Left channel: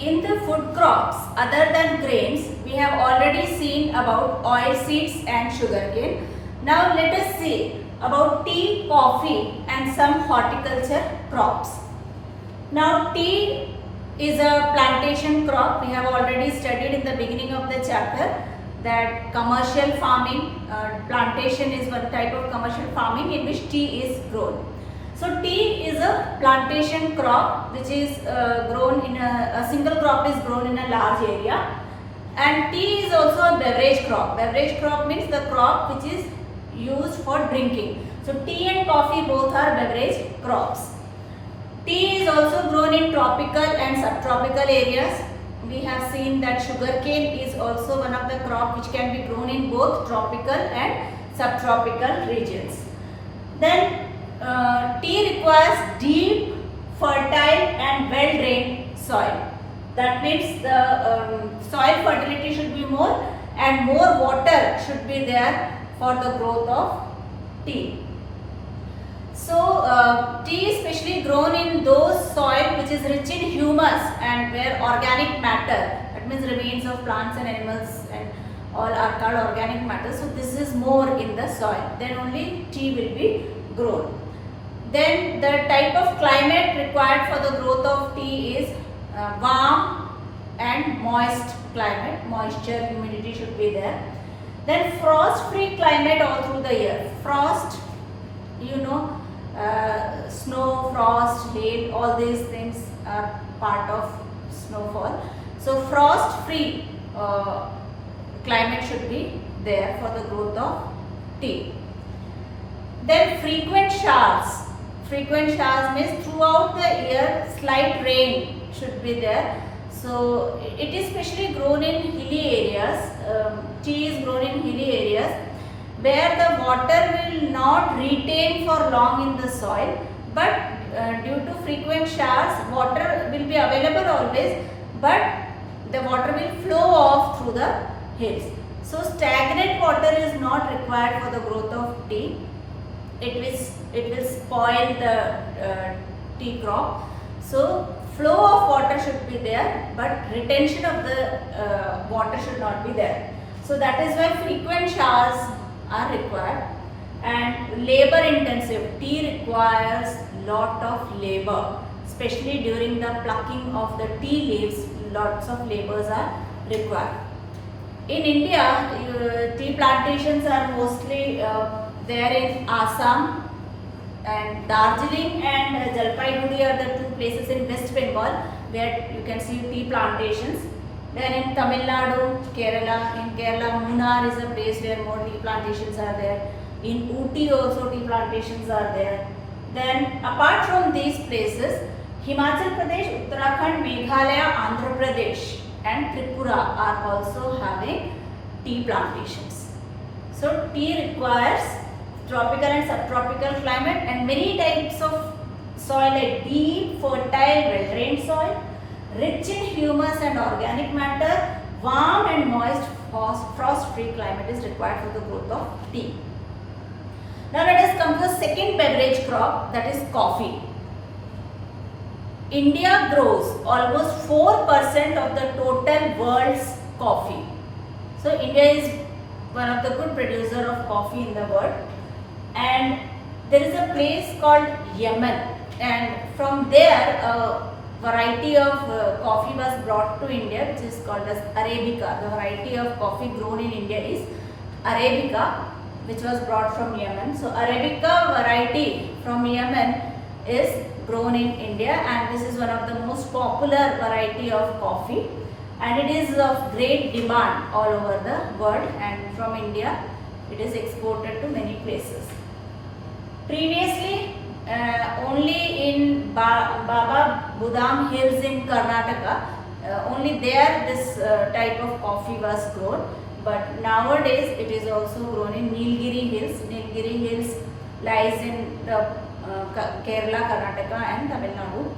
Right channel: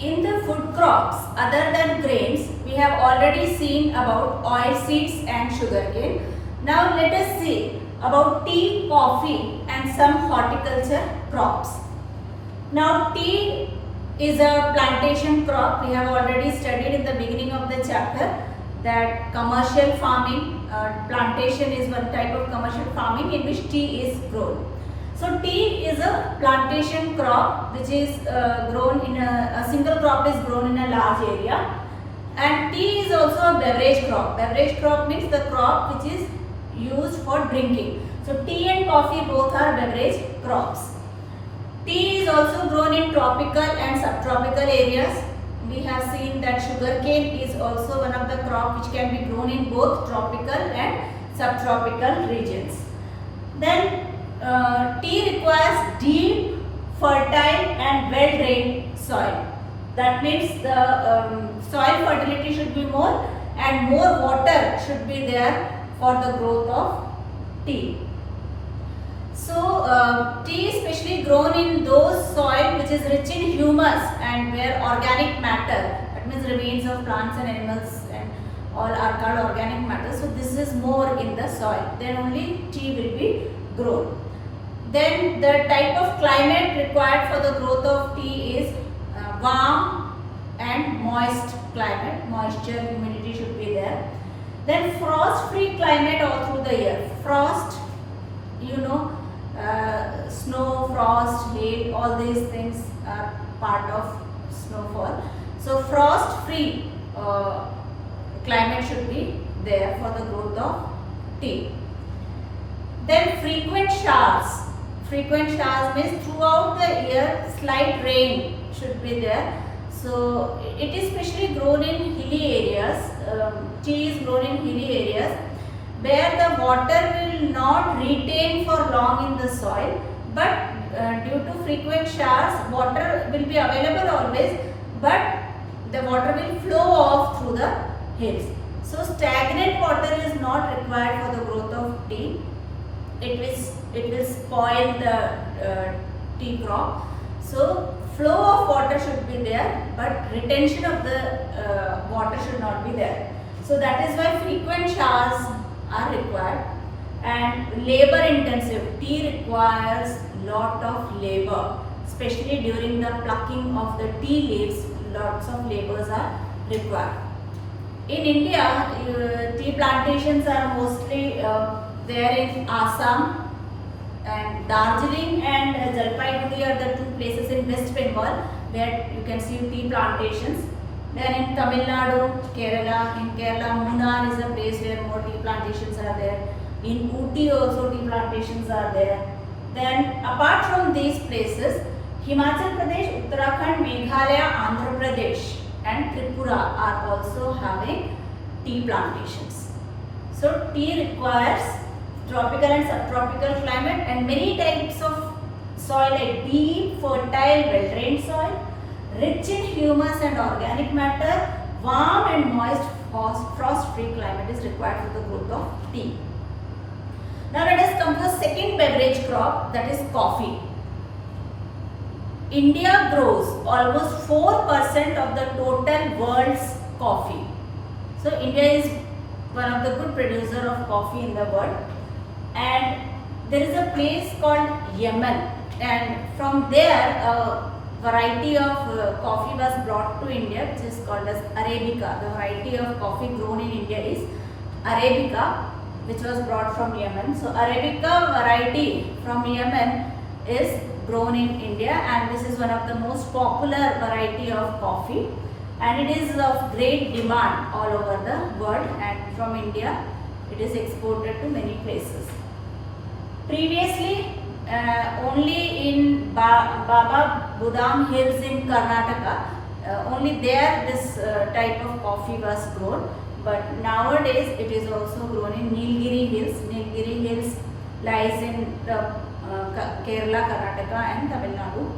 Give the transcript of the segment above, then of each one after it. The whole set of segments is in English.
In the food crops other than grains, we have already seen about oil seeds and sugarcane. Now let us see about tea, coffee and some horticulture crops. Now tea is a plantation crop. We have already studied in the beginning of the chapter that commercial farming, plantation is one type of commercial farming in which tea is grown. So tea is a plantation crop which is grown in a single crop is grown in a large area, and tea is also a beverage crop. Beverage crop means the crop which is used for drinking. So tea and coffee both are beverage crops. Tea is also grown in tropical and subtropical areas. We have seen that sugarcane is also one of the crop which can be grown in both tropical and subtropical regions. Then tea requires deep, fertile and well-drained soil. That means the soil fertility should be more and more water should be there for the growth of tea. So tea is especially grown in those soil which is rich in humus and where organic matter, that means remains of plants and animals and all are called organic matter. So this is more in the soil, then only tea will be grown. Then the type of climate required for the growth of tea is warm and moist climate. Moisture, humidity should be there. Then frost-free climate all through the year. Frost, snow, frost, hail, all these things are part of snowfall. So frost-free climate should be there for the growth of tea. Then frequent showers. Frequent showers means throughout the year slight rain should be there. So it is specially grown in hilly areas. Tea is grown in hilly areas where the water will not retain for long in the soil, but due to frequent showers water will be available always, but the water will flow off through the hills. So stagnant water is not required for the growth of tea. It will spoil the tea crop. So flow of water should be there, but retention of the water should not be there. So that is why frequent showers are required. And labor intensive. Tea requires lot of labor, especially during the plucking of the tea leaves. Lots of labors are required. In India, tea plantations are mostly there in Assam, and Darjeeling and Jalpaiguri are the two places in West Bengal where you can see tea plantations. Then in Tamil Nadu, Kerala, in Kerala, Munnar is a place where more tea plantations are there. In Ooty also tea plantations are there. Then apart from these places, Himachal Pradesh, Uttarakhand, Meghalaya, Andhra Pradesh and Tripura are also having tea plantations. So tea requires tropical and subtropical climate and many types of soil like deep, fertile, well-drained soil, rich in humus and organic matter, warm and moist, frost-free climate is required for the growth of tea. Now let us come to the second beverage crop, that is coffee. India grows almost 4% of the total world's coffee. So India is one of the good producer of coffee in the world. And there is a place called Yemen, and from there a variety of coffee was brought to India which is called as Arabica. The variety of coffee grown in India is Arabica, which was brought from Yemen. So Arabica variety from Yemen is grown in India, and this is one of the most popular variety of coffee, and it is of great demand all over the world, and from India it is exported to many places. Previously, only in Baba Budam Hills in Karnataka, only there this type of coffee was grown, but nowadays it is also grown in Nilgiri Hills. Nilgiri Hills lies in the Kerala, Karnataka and Tamil Nadu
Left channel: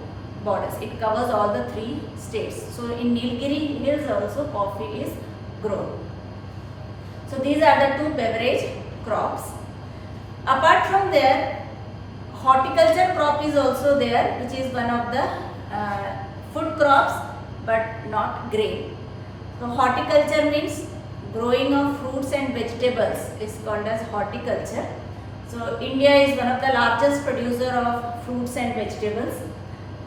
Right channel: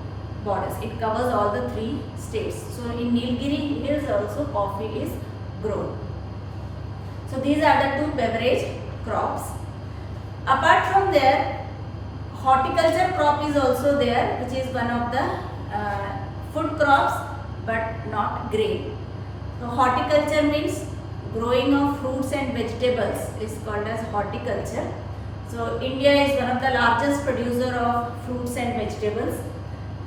borders. It covers all the three states. So in Nilgiri Hills also coffee is grown. So these are the two beverage crops. Apart from there, horticulture crop is also there, which is one of the food crops but not grain. So horticulture means growing of fruits and vegetables is called as horticulture. So India is one of the largest producer of fruits and vegetables,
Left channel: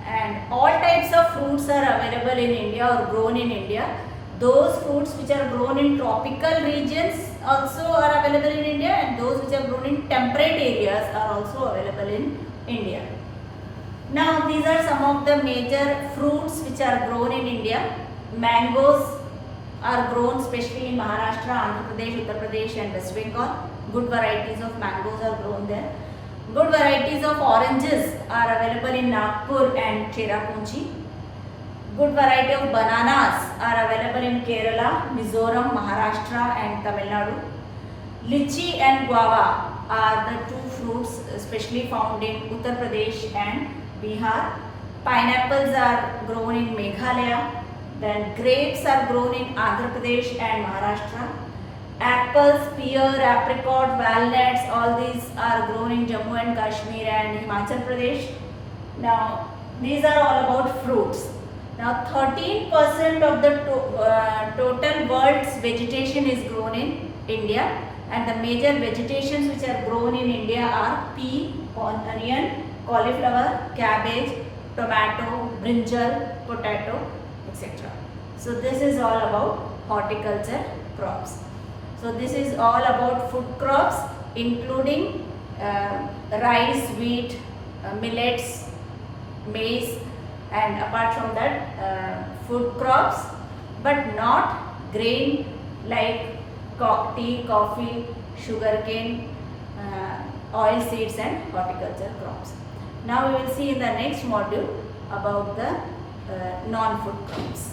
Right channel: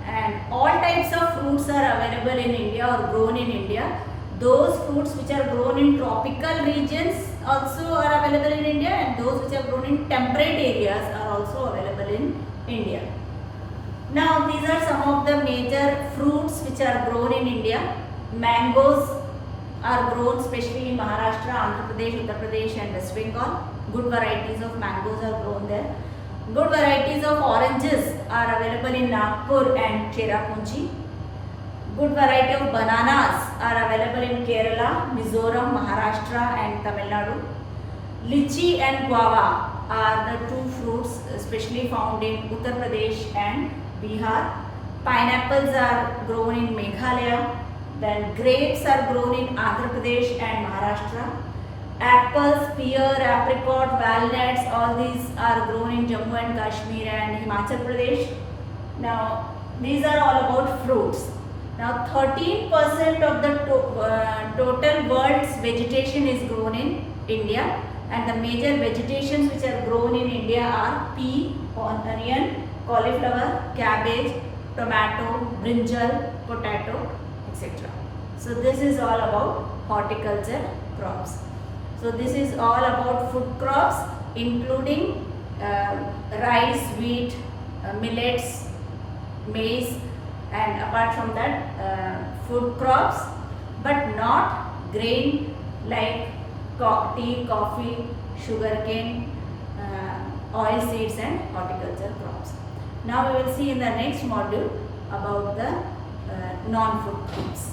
and all types of fruits are available in India or grown in India. Those fruits which are grown in tropical regions also are available in India, and those which are grown in temperate areas are also available in India. Now these are some of the major fruits which are grown in India. Mangoes are grown especially in Maharashtra, Andhra Pradesh, Uttar Pradesh and West Bengal. Good varieties of mangoes are grown there. Good varieties of oranges are available in Nagpur and Cherrapunchi. Good variety of bananas are available in Kerala, Mizoram, Maharashtra and Tamil Nadu. Lychee and guava are the two fruits especially found in Uttar Pradesh and Bihar. Pineapples are grown in Meghalaya. Then grapes are grown in Andhra Pradesh and Maharashtra. Apples, pear, apricot, walnuts, all these are grown in Jammu and Kashmir and Himachal Pradesh. Now these are all about fruits. Now 13% of the total world's vegetation is grown in India, and the major vegetations which are grown in India are pea, onion, cauliflower, cabbage, tomato, brinjal, potato, etc. So this is all about horticulture crops. So this is all about food crops including rice, wheat, millets, maize, and apart from that food crops, but not grain like tea, coffee, sugarcane, oil seeds and horticulture crops. Now we will see in the next module about the non-food crops.